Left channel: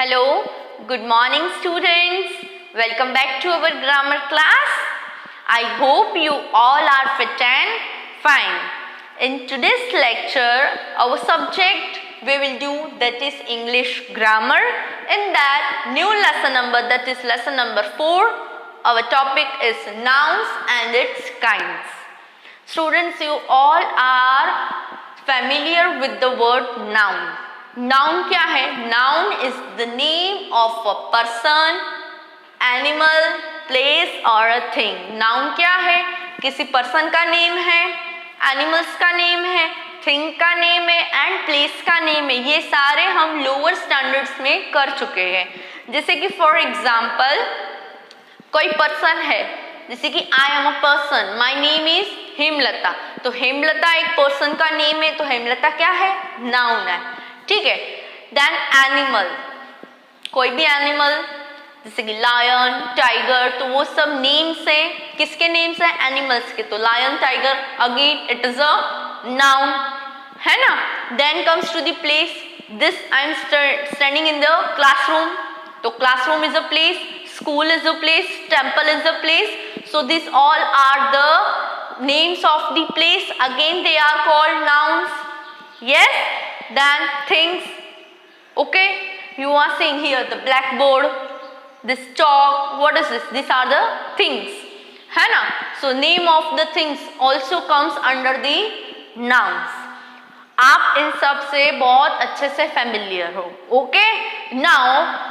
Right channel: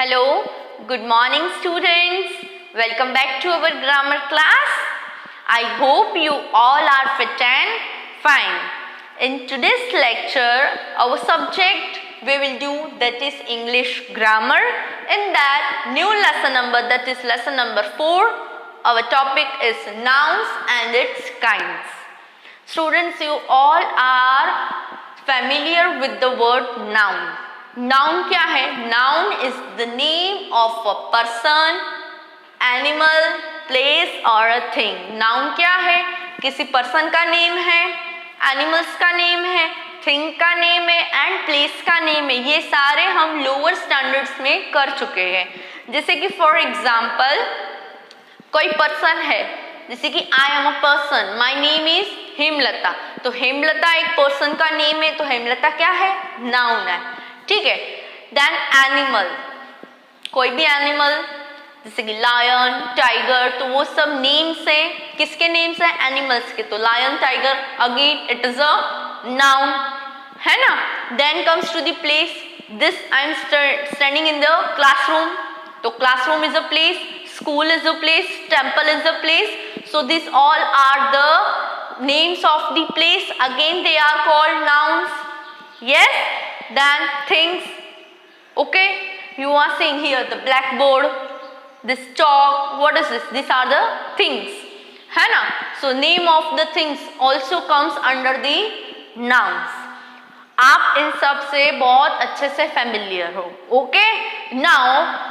Hello, good morning students. Welcome back to our grammar class. I hope you all are fit and fine. In today's lecture, our subject we will do that is English grammar. In that new lesson number, that is lesson number 4, our topic is nouns and its kinds. Students, you all are familiar with the word noun. Noun क्या है? Noun is the name of a person, animal, place और a thing. Noun क्या है? किसी person का name है, animals का name है, थिंग का नेम है एंड प्लेस का नेम है. ये सारे हम लोअर स्टैंडर्ड्स में कर चुके हैं. जैसे कि फॉर एग्जाम्पल कोई पर्सन है, जैसे कि I am a person, my name is Hemlata. तो हेमलता एक पर्सन का नेम है, तो हेमलता क्या है? नाउन है. ठीक है. देन एनिमल, कोई भी एनिमल जैसे कि लायन, टाइगर, तो वो सब नेम्स है. किसके नेम्स है? एनिमल्स के. तो lion, tiger, again it is a noun, है ना. Then comes to the place. This I am standing in the classroom. तो classroom is a place, school is a place, temple is a place. So this all are the names of the place. Again they are called nouns. Yes. Then things. Okay, you are seeing here the blackboard, this chalk. What is this? These are the things, है ना. So name of the things also comes under the nouns. आप इन सब से बहुत अच्छे से familiar हो. Okay. Now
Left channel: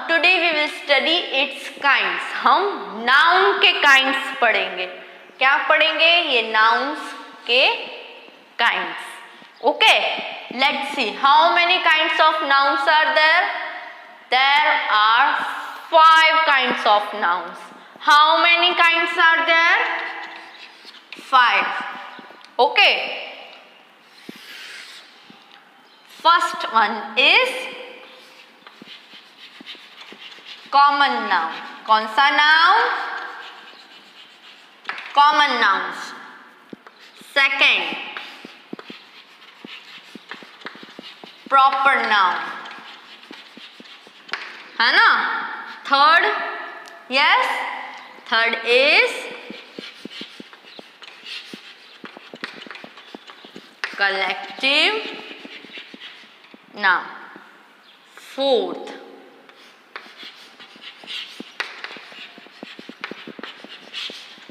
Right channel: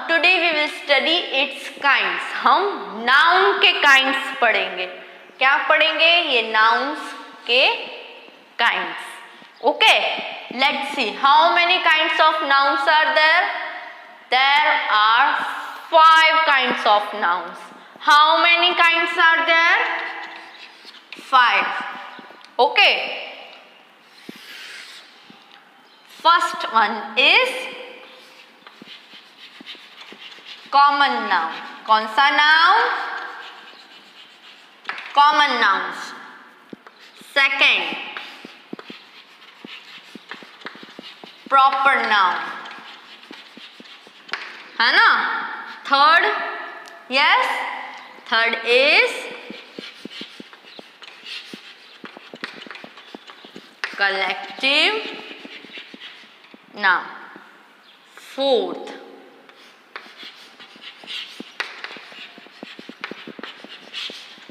today we will study its kinds. हम noun के kinds पढ़ेंगे. क्या पढ़ेंगे? ये nouns के kinds. Okay, let's see how many kinds of nouns are there. There are 5 kinds of nouns. How many kinds are there? 5. Okay. First one is common noun. कौन सा noun? Common nouns. Second, proper noun, है ना. Third, yes, third is collective noun. Fourth,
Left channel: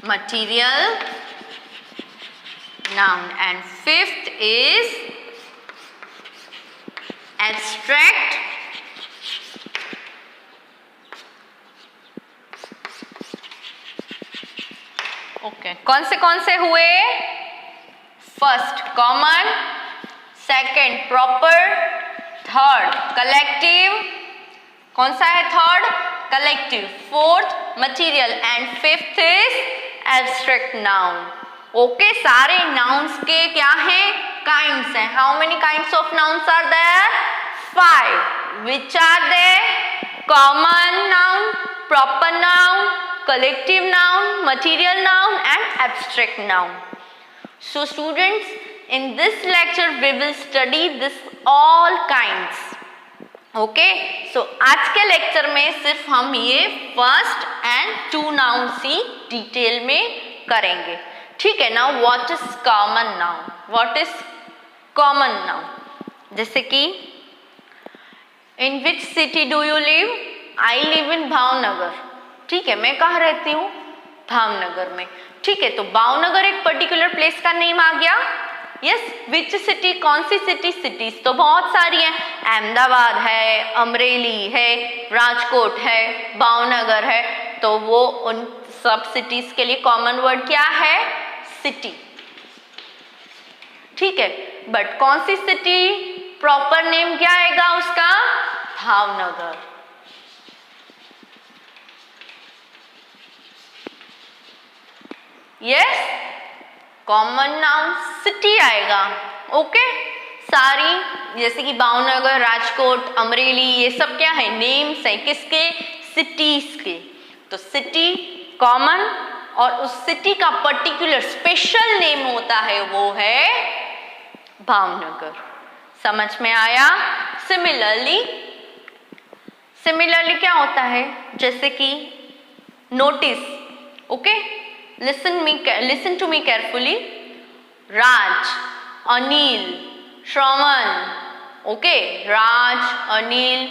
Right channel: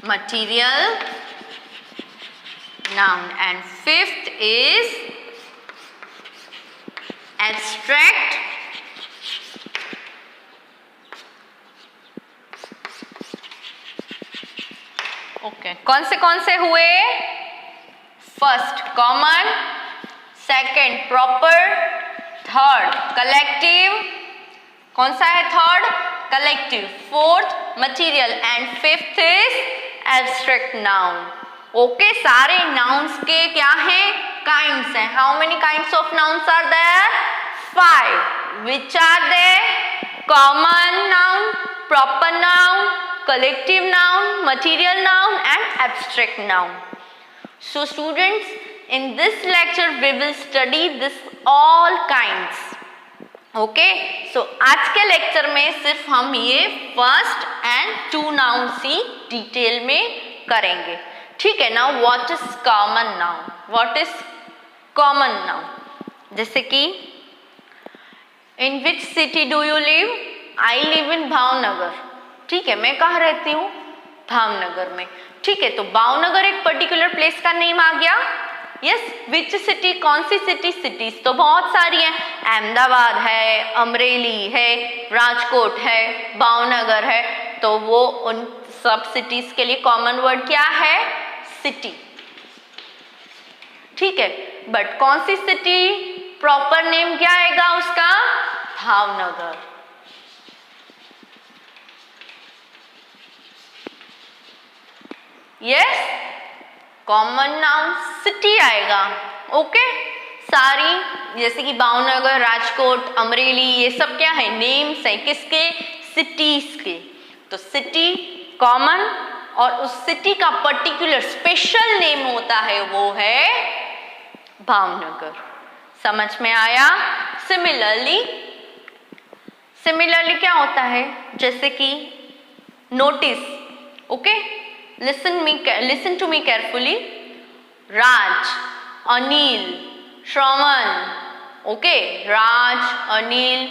material noun. And fifth is abstract okay. कौन से हुए? First common, second proper, third collective. कौन सा है third? Collective. Fourth material and fifth is abstract noun. Okay, सारे nouns के क्या हैं? काइंड्स हैं. How many kinds of nouns are there? 5. Which are they? Common noun, proper noun, collective noun, material noun and abstract noun. So students, in this lecture we will study this all kinds. Okay, so आज के lecture में सिर्फ हम ये first and 2 nouns ही detail में करेंगे. ठीक है. Now what is common noun? What is common noun? जैसे कि in which city do you live? I live in Bhavnagar. ठीक है, मैं कहाँ रहती हूँ? भावनगर में. ठीक है, तो भावनगर एक पर्टिकुलर प्लेस का नेम आ गया. यस. Which city? कौन सी सिटी? सिटीज तो बहुत सारी हैं. अहमदाबाद है, अमरेली है, राजकोट है, भावनगर है. तो वो उन सब सिटीज के लिए कॉमन वर्ड क्या है? सिटी. ठीक है, बट कौन सी सिटी? प्रॉपर नेम क्या आएगा उसका? Bhavnagar. Yes, common noun city आएगा. ओके, सारी जैसे कि भावनगर, राजकोट, अमरेली, ये सब क्या है? नेम्स है. किसके? सिटीज के. तो सिटी कॉमन और उस सिटी का पर्टिकुलर स्पेशल नेम होता है, वो है भावनगर. समझ में आया? सिमिलरली सिमिलरली क्या होता है, जैसे कि notice, okay, listen to me carefully, Raj, Anil, Shravan, okay, Raj, Anil,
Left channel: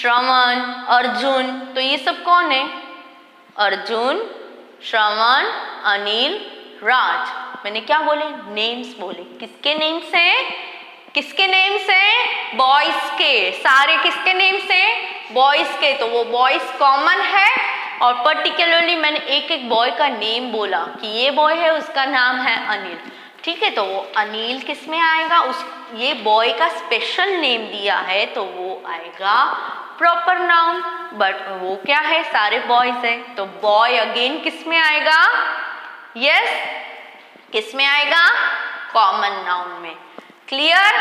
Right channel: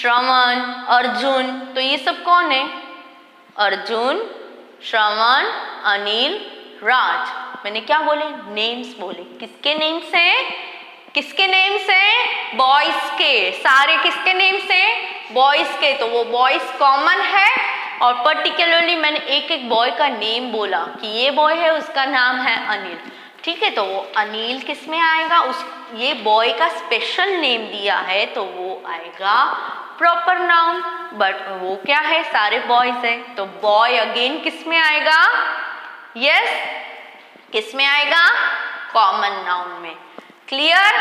Shravan, Arjun, तो ये सब कौन है, अर्जुन, श्रवण, अनिल, राज। मैंने क्या बोले, नेम्स बोले। किसके नेम्स हैं, किसके नेम्स हैं, बॉयज के, सारे किसके नेम्स हैं, बॉयज के, तो वो बॉयज कॉमन है। और पर्टिकुलरली मैंने एक एक बॉय का नेम बोला कि ये बॉय है, उसका नाम है अनिल, ठीक है, तो वो अनिल किस में आएगा, उस ये बॉय का स्पेशल नेम दिया है तो वो आएगा प्रॉपर नाउन, बट वो क्या है, सारे बॉयज है, तो बॉय अगेन किस में आएगा, यस, किस में आएगा, कॉमन नाउन में। क्लियर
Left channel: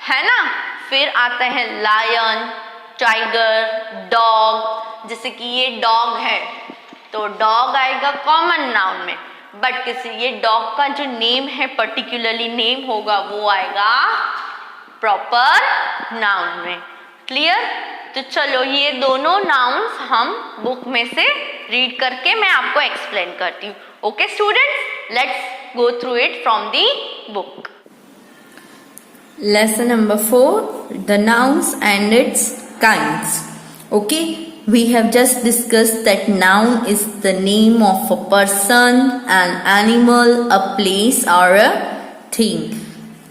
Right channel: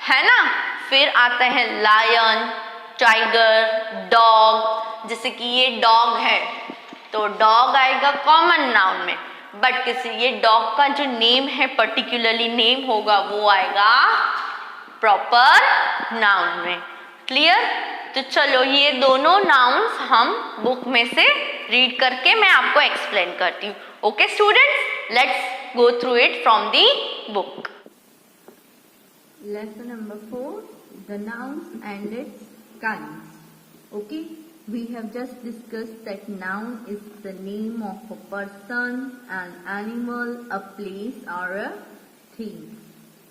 है ना। फिर आते हैं लायन, टाइगर, डॉग, जैसे कि ये डॉग है तो डॉग आएगा कॉमन नाउन में, बट किसी ये डॉग का जो नेम है, पर्टिकुलरली नेम होगा, वो आएगा प्रॉपर नाउन में। क्लियर। तो चलो ये दोनों नाउन्स हम बुक में से रीड करके मैं आपको एक्सप्लेन करती हूँ। Okay students, let's go through it from the book. Lesson number 4, the nouns and its kinds. Okay, we have just discussed that noun is the name of a person, an animal, a place or a thing.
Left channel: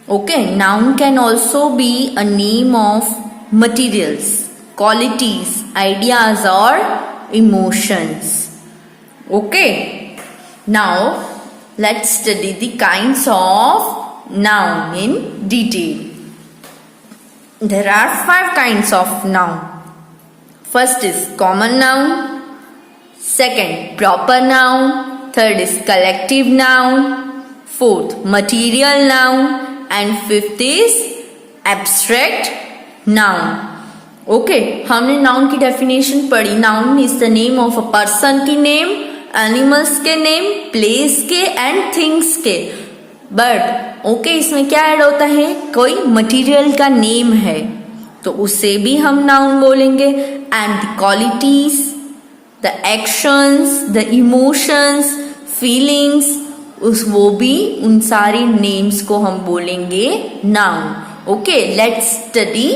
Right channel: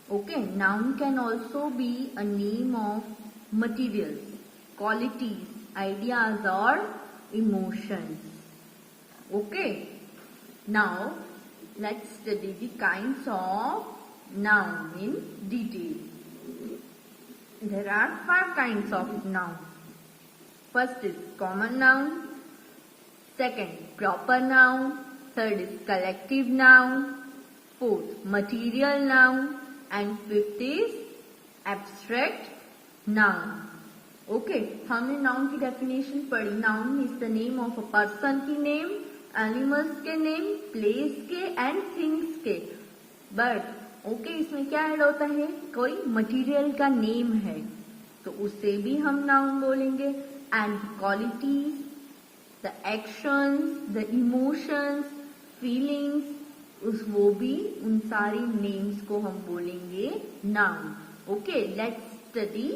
Okay, noun can also be a name of materials, qualities, ideas or emotions. Okay, now let's study the kinds of noun in detail. There are 5 kinds of noun. First is common noun, second proper noun, third is collective noun, fourth material noun, and fifth is abstract noun. Okay, हमने noun की definition पढ़ी। Noun is the name of a person की name, animals के name, place के and things के। But okay इसमें क्या add होता है, कोई मटेरियल का नेम है तो उसे भी हम नाउन बोलेंगे। And the qualities, the actions, the emotions, feelings, वो भी उन सारी नेम्स को हम बोलेंगे noun. Okay, let's study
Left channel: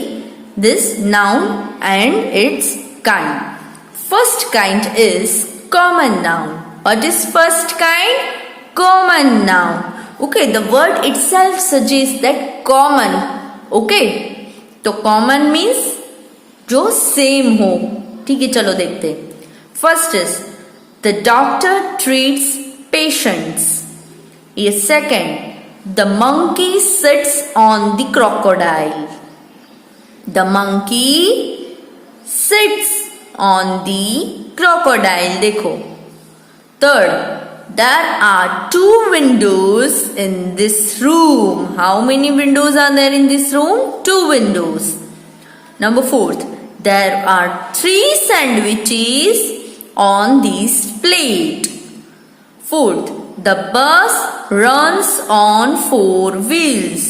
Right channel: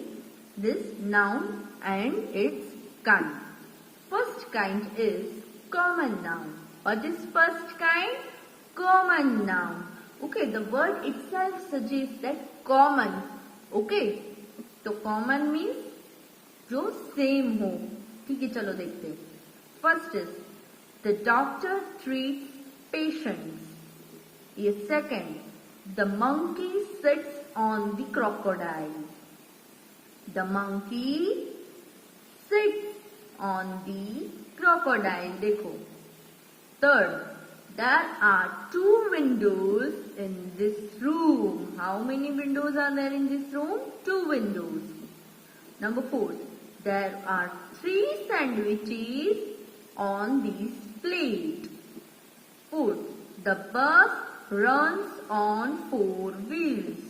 this noun and it's kind. First kind is common noun. What is first kind? Common noun. Okay, the word itself suggests that common. Okay, तो common means जो same हो। ठीक है, चलो देखते। First is the doctor treats patients. ये second, the monkey sits on the crocodile. The monkey sits on the crocodile. देखो। Third, there are 2 windows in this room. How many windows are there in this room? 2 windows. Number 4th, there are 3 sandwiches on this plate. 4th, the bus runs on 4 wheels.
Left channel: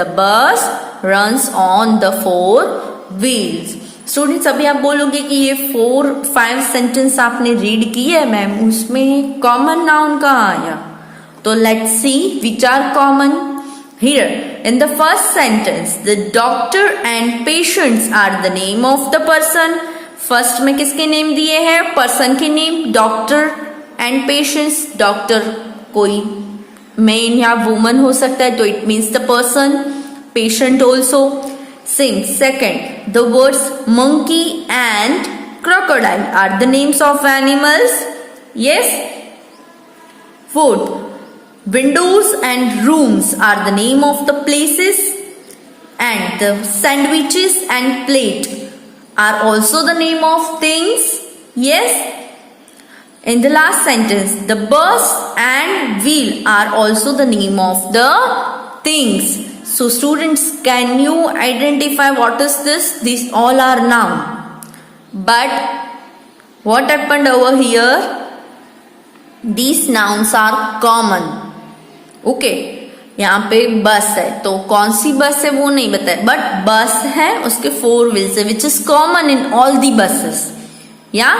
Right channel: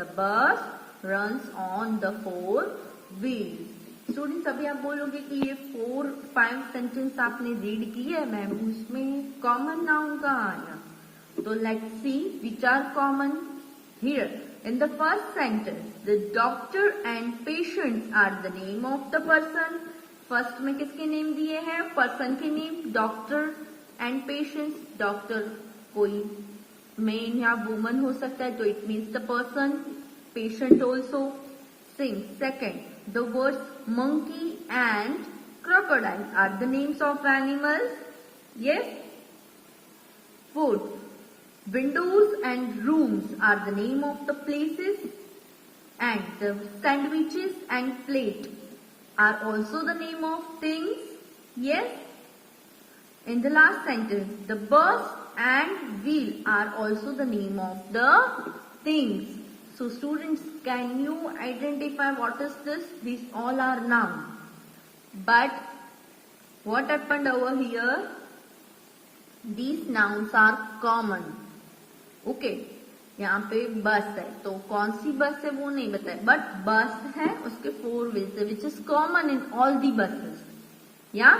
The bus runs on the 4 wheels. Students अभी आप बोलोगे कि ये 4-5 sentence आपने read किए है ma'am, उसमें common noun कहाँ आया? तो let's see which are common here. In the first sentence the doctor and patients are the name of the person. First में किसके नेम दिए हैं? पर्सन के name, doctor and patients. Doctor कोई मैन या वुमन हो सकता है तो it means the person. Patient also same. Second, the words monkey and crocodile are the names of animals. Yes. Fourth, windows and rooms are the name of the places, and the sandwiches and plate are also the name of things. Yes. In the last sentence, the bus and wheel are also the name of the things. So students, can you identify what is this? These all are noun. But what happened over here? These nouns are common. Okay. यहाँ पे बस है, तो कौन सी बस है वो नहीं बताया, बट बस है, उसके 4 व्हील्स है, which is common in all the buses. या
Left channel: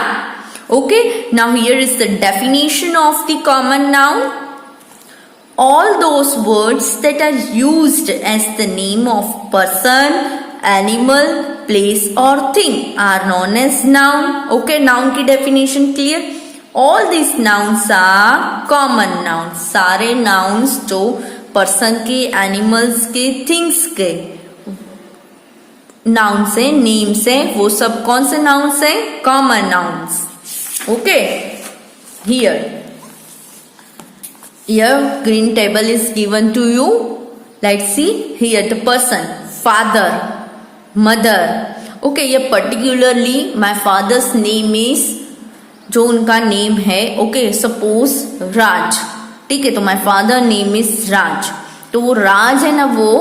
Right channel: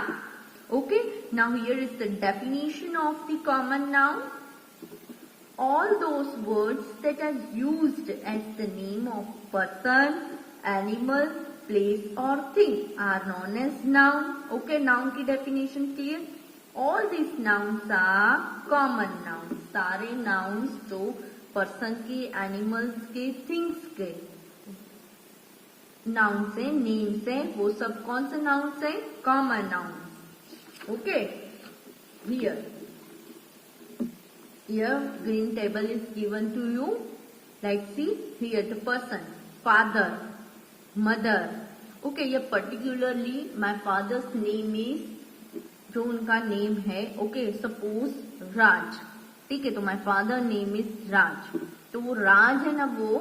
okay, now here is the definition of the common noun. All those words that are used as the name of person, animal, place or thing are known as noun. Okay, noun की definition clear. All these nouns are common nouns. सारे nouns जो person के, animals के, things के nouns है, names है, वो सब कौन से nouns है? Common nouns. Okay, Here green table is given to you. Let's see here the person, father, mother. Okay, ये particularly my father's name is, जो उनका नेम है, okay, suppose राज. ठीक है, तो my father name is राज. तो वो राज है ना, वो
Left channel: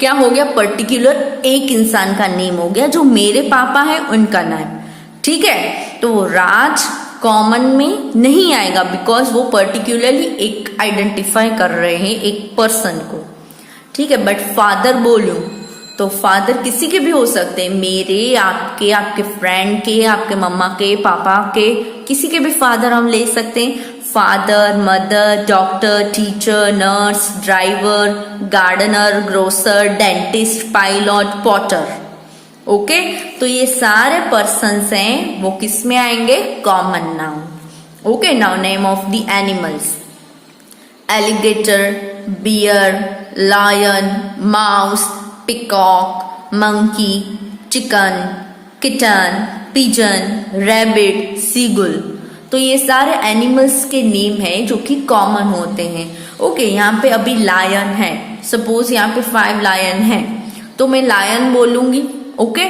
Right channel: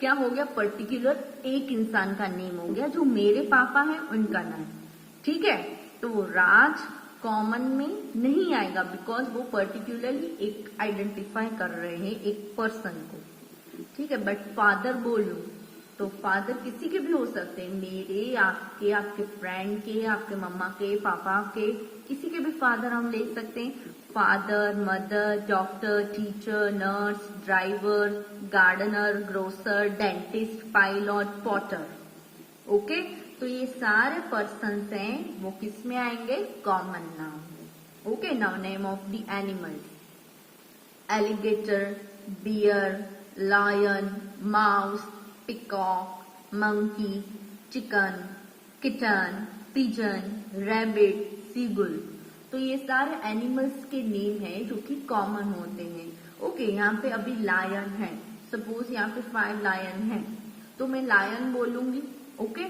क्या हो गया? पर्टिकुलर एक इंसान का नेम हो गया, जो मेरे पापा है उनका नाम. ठीक है, तो वो राज कॉमन में नहीं आएगा, बिकॉज वो पर्टिकुलरली एक आइडेंटिफाई कर रहे हैं एक पर्सन को. ठीक है, बट फादर बोलूं तो फादर किसी के भी हो सकते हैं, मेरे, आपके, आपके फ्रेंड के, आपके मम्मा के, पापा के, किसी के भी फादर हम ले सकते हैं. Father, mother, doctor, teacher, nurse, driver, gardener, grocer, dentist, pilot, potter. Okay, तो ये सारे पर्सन्स हैं, वो किस में आएंगे? Common noun. Okay, now name of the animals: alligator, bear, lion, mouse, peacock, monkey, chicken, kitten, pigeon, rabbit, seagull. तो ये सारे एनिमल्स के नेम हैं जो कि कॉमन होते हैं. ओके, यहाँ पे अभी लायन है, सपोज यहाँ पे 5 लायन है, तो मैं लायन बोलूंगी. ओके,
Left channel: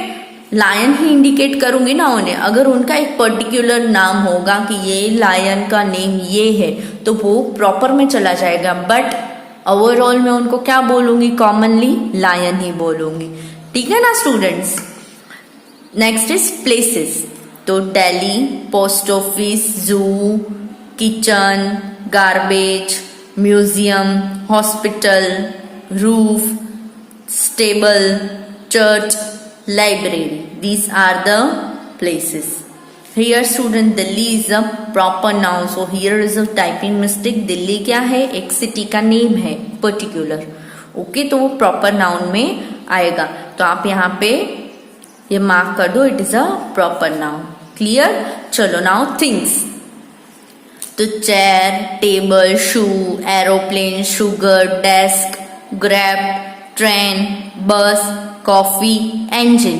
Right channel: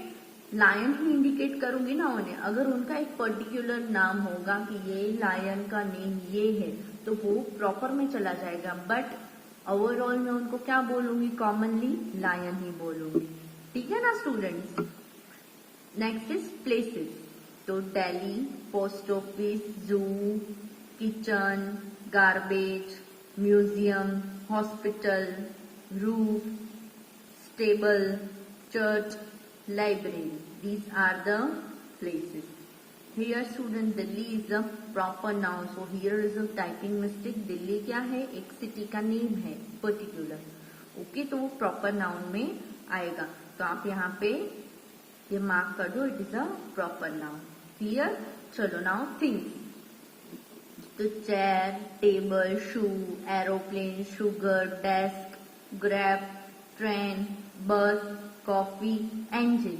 लायन ही इंडिकेट करूंगी ना उन्हें. अगर उनका एक पर्टिकुलर नाम होगा कि ये लायन का नेम ये है, तो वो प्रॉपर में चला जाएगा, बट ओवरऑल में उनको क्या बोलूंगी? कॉमनली लायन ही बोलूंगी. ठीक है ना स्टूडेंट्स? Next is places. तो दिल्ली, पोस्ट ऑफिस, जू, kitchen, garbage, museum, hospital, roof, stable, church, library. These are the places. Here student, Delhi is a proper noun. So here is a typing mistake. Delhi क्या है? एक city का name है particular. Okay, तो वो proper noun में आएगा. तो आप यहाँ पे ये मार्क कर दो, it is a proper noun. Clear? चलो नाउ थिंग्स. तो chair, table, shoe, aeroplane, sugar, desk, grab, train, bus, coffee, engine,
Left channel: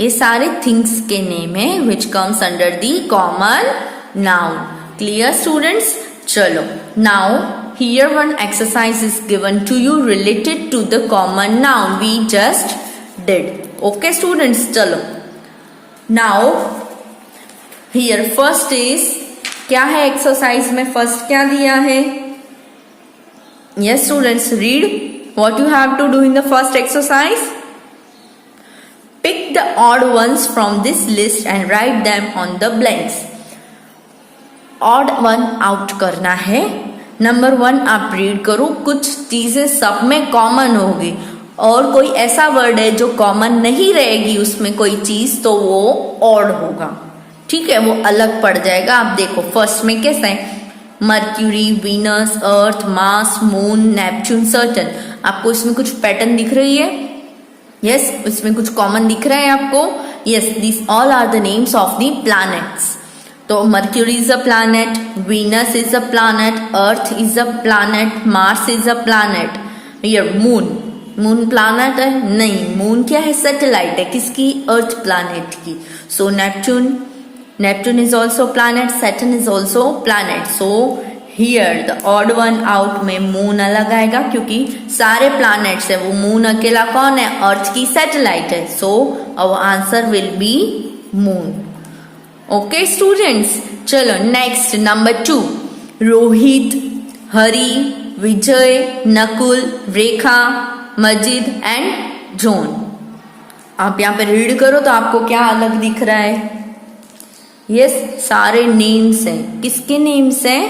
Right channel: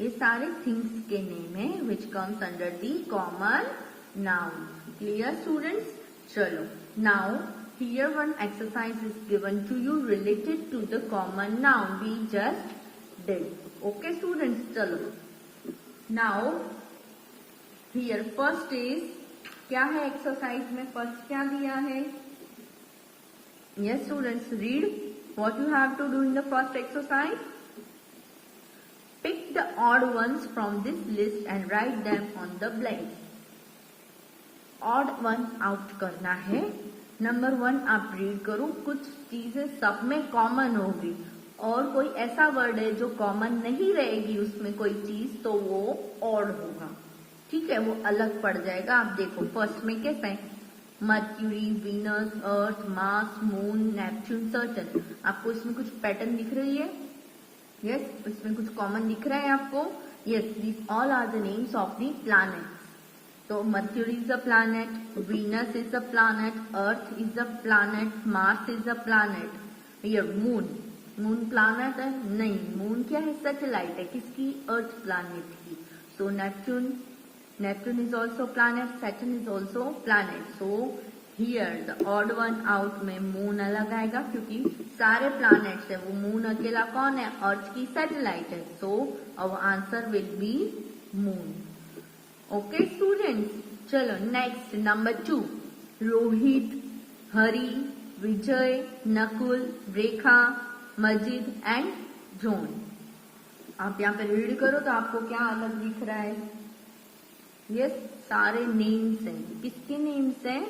ये सारे थिंग्स के नेम है which comes under the common noun. Clear students? चलो now here one exercise is given to you related to the common noun we just did. Okay students, चलो now here first is, क्या है exercise में? First क्या दिया है? Yes students, read what you have to do in the first exercise. Pick the odd ones from this list and write them on the blanks. Odd one out करना है. Number 1 आप read करो. कुछ चीजें सब में कॉमन होगी और कोई ऐसा वर्ड है जो कॉमन नहीं रहेगी उसमें कोई चीज, तो वो ऑड होगा. ठीक है, वो अलग पड़ जाएगा. आप देखो फर्स्ट में कैसा है? मर्क्यूरी, वीनस, अर्थ, मार्स, मून, नेपच्यून, सैटर्न. आपको इसमें कुछ पैटर्न दिख रही है? यस, इसमें कुछ कॉमन दिख रहा है आपको? Yes, this all are the names of the planets. तो Mercury is a planet, Venus is a planet, Earth is a planet, Mars is a planet. Here moon planet है? नहीं, मून क्या है? सैटेलाइट है. किसकी? अर्थ प्लैनेट की. सो Neptune is also planet, Saturn is also planet. So here the odd one out में moon अलग आएगा क्योंकि सारे planets है, वो मून अकेला कौन है? अर्थ की सैटेलाइट है. So our answer will be moon. Okay students, चलो next number 2. Rohit, Hari, Vijay, Nakul, Rekha, Majid and John. आप यहाँ पे रीड करो तो आपको क्या अलग दिख रहा है? यस, सारे नेम्स हैं. किसके नेम्स हैं?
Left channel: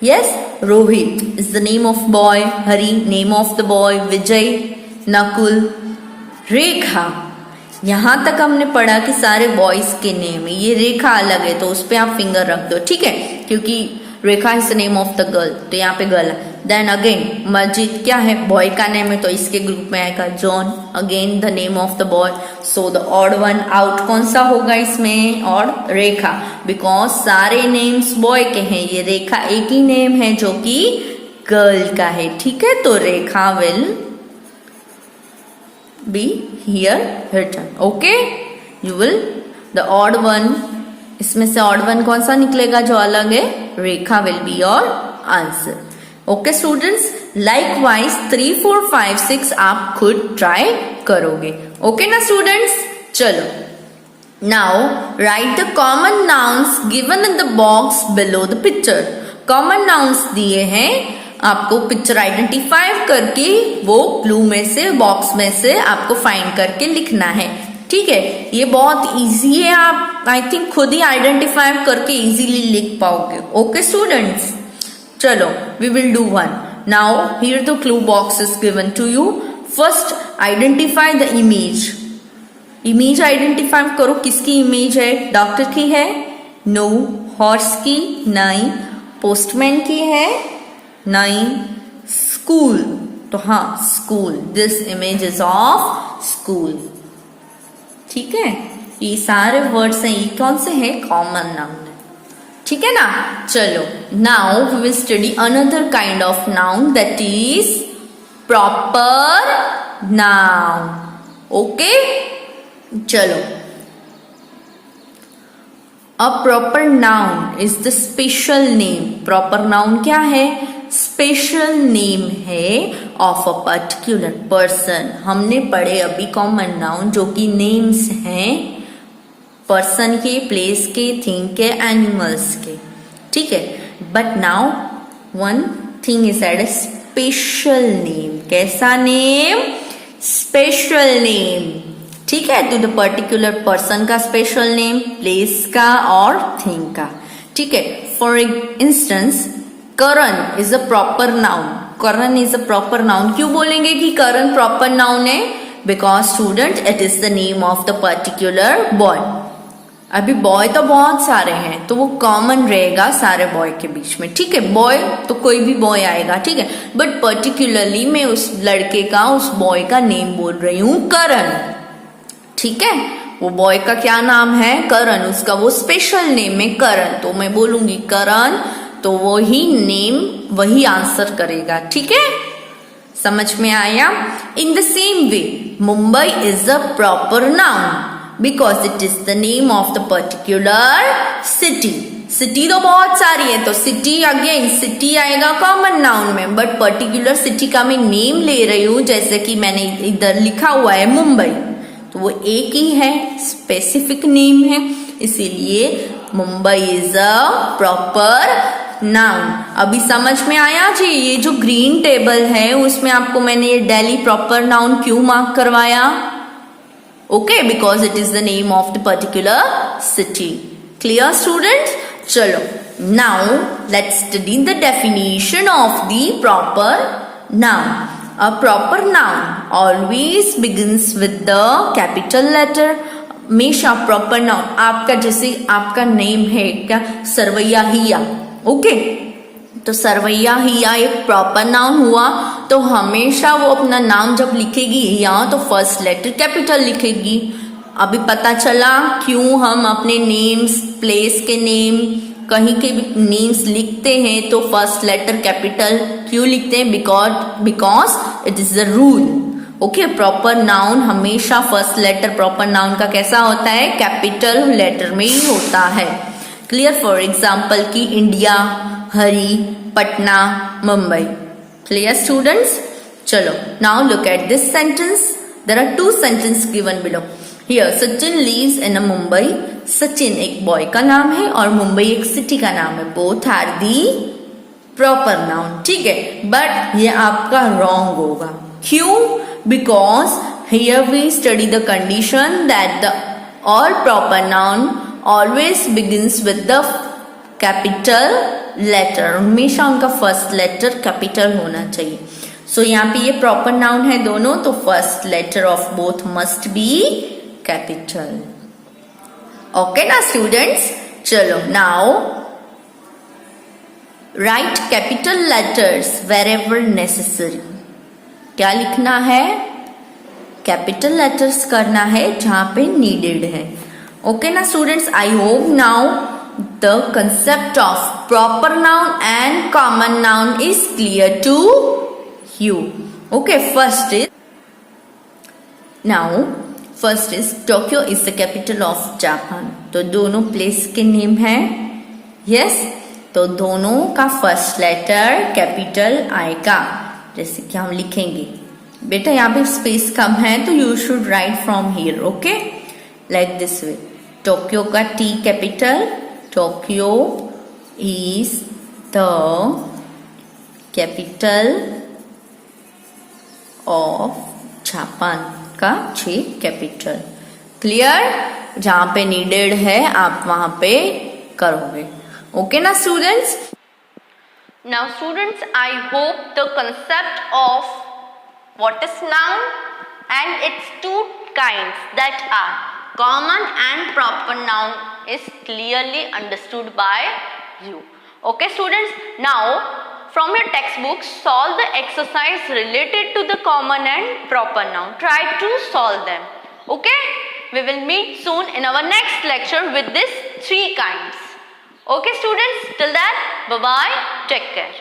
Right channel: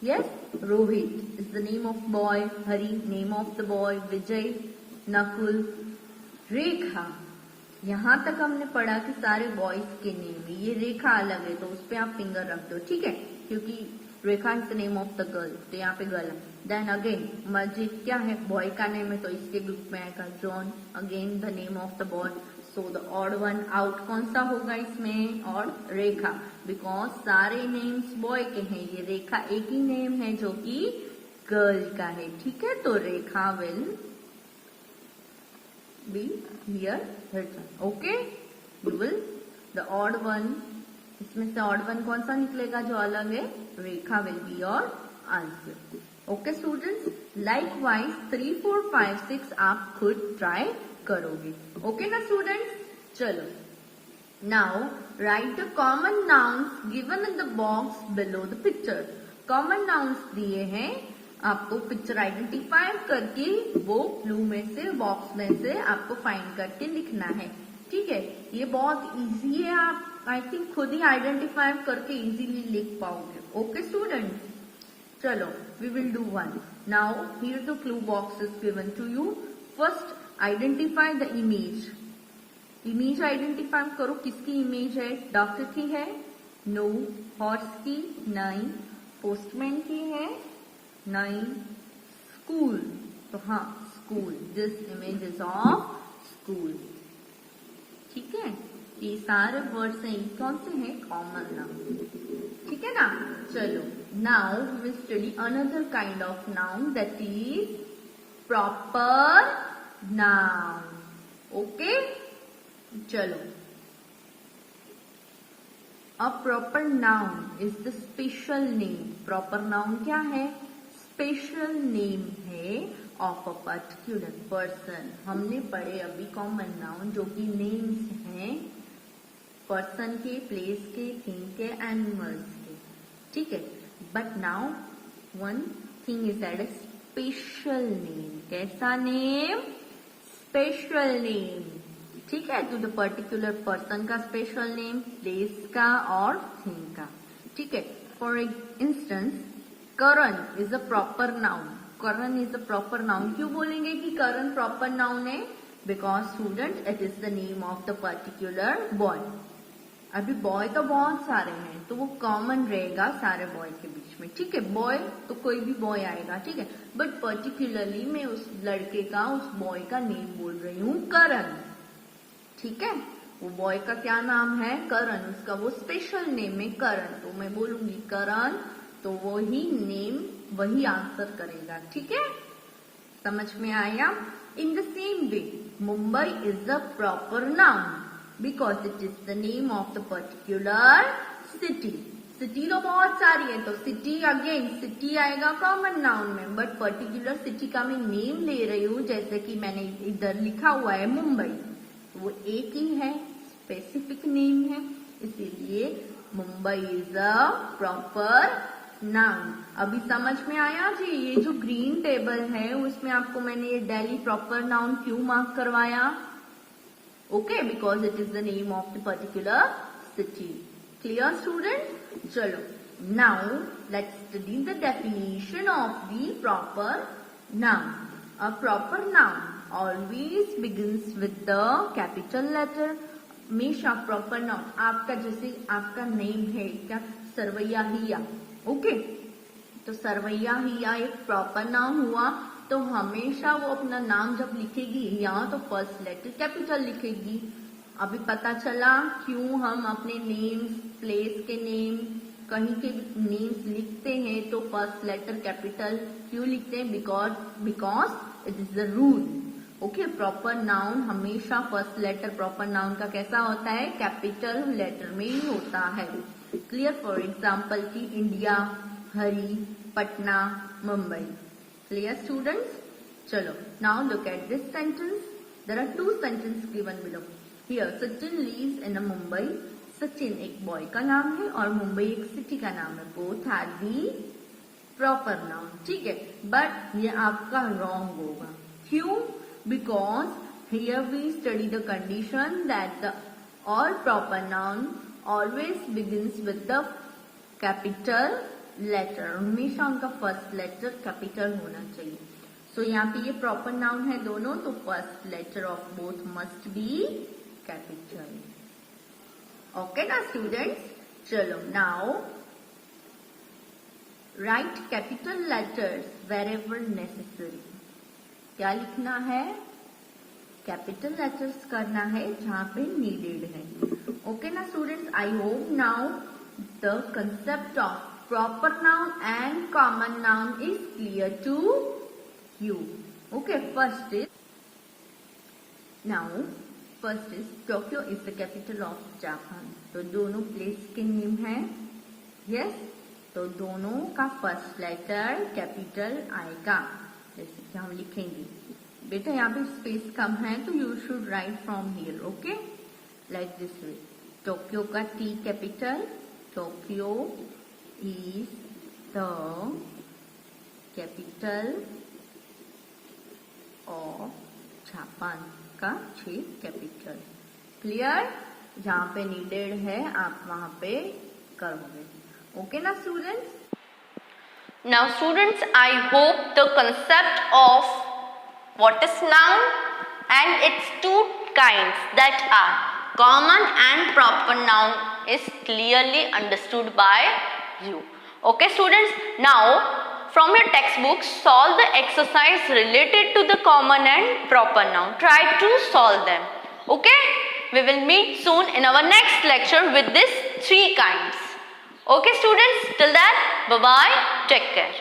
Yes, Rohit is the name of boy. Hari, name of the boy. Vijay, Nakul, Rekha. यहाँ तक हमने पढ़ा कि सारे बॉयज के नेम है. ये रेखा अलग है तो उस पर आप फिंगर रख दो, ठीक है, क्योंकि Rekha is the name of the girl, तो यहाँ पे गर्ल है. देन अगेन मस्जिद क्या है, बॉय का नेम है तो इसके ग्रुप में आएगा John. Again the name of the boy, so the odd one out कौन सा होगा इसमें, और रेखा, बिकॉज सारे नेम्स बॉय के हैं. ये रेखा एक ही नेम है जो कि गर्ल का है, ठीक है, तो रेखा will be here written. Okay, you will the odd one, इसमें से odd one कौन सा निकलेगा जो अलग है, रेखा will be your answer. Okay students, likewise 3, 4, 5, 6 आप खुद try करोगे. Okay ना students, चलो. Now write the common nouns given in the box below the picture. Common nouns दिए हैं आपको, पिक्चर आइडेंटिफाई करके वो क्लू में से, बॉक्स में से आपको फाइंड करके लिखना है, ठीक है. ये बहुत इजी है, आप आई थिंक खुद ही आइडेंटिफाई करके इजीली लिख पाओगे. ओके स्टूडेंट्स, चलो we will do one. Now here the clue box is given to you. First identify the image. Image identify करो, किसकी इमेज है, डॉक्टर की है, नो. हॉर्स की, नहीं. पोस्टमैन की है, नहीं. स्कूल, तो हाँ school, this image is of school, ठीक है. ये सारे वर्ड्स हैं, ये कौन से हैं, कॉमन नाउन, ठीक है ना. चलो now we will study another kind of noun that is proper noun. Okay चलो. A proper noun is the special name. Proper noun क्या है, स्पेशल नेम है ऑफ अ पर्टिकुलर पर्सन. हमने पढ़े अभी कॉमन नाउन जो कि नेम्स हैं पर्सन के, प्लेस के, थिंग के, एनिमल्स के, ठीक है. But now one thing is add special name. कैसा नेम, स्पेशल नेम, ठीक है, टू द पर्टिकुलर पर्सन का स्पेशल नेम, प्लेस का और थिंग का, ठीक है. For instance Karan is a proper noun. Karan is a proper noun. क्यों बोलेंगे कि करण प्रॉपर नाउन है, because student it is the name of the particular boy. अभी बॉय तो बहुत सारे हैं तो वो कॉमन रहेगा सारे बॉय के बीच में, ठीक है. बॉय तो कोई भी बॉय आएगा, ठीक है, बट पर्टिकुलरली मैं उस लड़के का, उस बॉय का नेम बोल रही हूं करण, ठीक है. वो बॉय का क्या नाम है, करण, उसका वो स्पेशल नेम है करण, तो मैं बोलूंगी करण, तो वही नेम वही आंसर करेगा, ठीक है. समझ में आया. In the same way Mumbai is a proper noun because it is the name of the particular city. City तो बहुत सारी है, तो सिटी अगेन सिटी आएगा कॉमन नाउन में, बट पर्टिकुलर सिटी का मैं नेम ले रही हूं, जैसे कि मैंने इधर लिखा हुआ है मुंबई, तो वो एक ही है, स्पेसिफिक नेम है, इसीलिए Mumbai is a proper noun. अभी समझ में आया जी. ये जो ग्रीन टेबल है उसमें आपको मैंने ये दिल्ली प्रॉपर नाउन क्यों मार्क करवाया, okay, because it is the name of the particular city. Clear students, चलो now let's study the definition of the proper noun. A proper noun always begins with the capital letter. हमेशा proper noun, आपका जैसे आपका name है क्या, सरवैया हिया, okay, तो सरवैया हिया एक proper noun हुआ, तो हमेशा वो अपना नाम जब लिखेगी या तो फर्स्ट लेटर कैपिटल लिखेगी. अभी पता चला क्यों हम अपने नेम्स, प्लेस के नेम, कहीं के भी नेम्स लिखते हैं तो फर्स्ट लेटर कैपिटल क्यों लिखते हैं, because it is the rule. Okay, proper noun हमेशा फर्स्ट लेटर प्रॉपर नाउन का कैसा होता है, कैपिटल लेटर में ही होता है. क्लियर. फॉर एग्जाम्पल की India, Hari, Patna, Mumbai. Clear students. चलो now look at this sentence. There are 2 sentences given below. Here Sachin lives in a Mumbai. Sachin एक बॉय का नाम है और मुंबई एक सिटी का नाम है. Both are the proper noun, ठीक है, बट ये आपका रॉन्ग होगा. क्यों, because here we study the condition that the all proper noun always begins with the capital letter, हमेशा उनका फर्स्ट लेटर कैपिटल होना चाहिए. सो यहाँ पे ये प्रॉपर नाउन है दोनों, तो first letter of both must be capital. Okay ना स्टूडेंट्स, चलो now write capital letters wherever necessary. क्या लिखना है? कैपिटल लेटर्स करना है जहां पे नीडेड है. ओके ना students, I hope now the concept of proper noun and common noun is clear to you. Okay, first is Tokyo is the capital of Japan. तो दोनों प्लेस के नेम है. यस, तो दोनों का फर्स्ट लेटर कैपिटल आएगा. जैसे कि हम लिखेंगे, बेटा यहाँ पे स्पेस कम है तो you should write from here. Okay, like this way. Tokyo का T capital, Tokyo is the capital of Japan का जे कैपिटल. क्लियर? जहां पे नीडेड है आप वहां पे करोगे. ओके ना students? Now students, I hope the concept of what is noun and its two kinds, that are common and proper noun, is clearly understood by you. Okay students, now from your textbook solve the exercise related to the common and proper noun. Try to solve them. Okay, we will meet soon in our next lecture with these three kinds. Okay students, till then, bye bye, take care.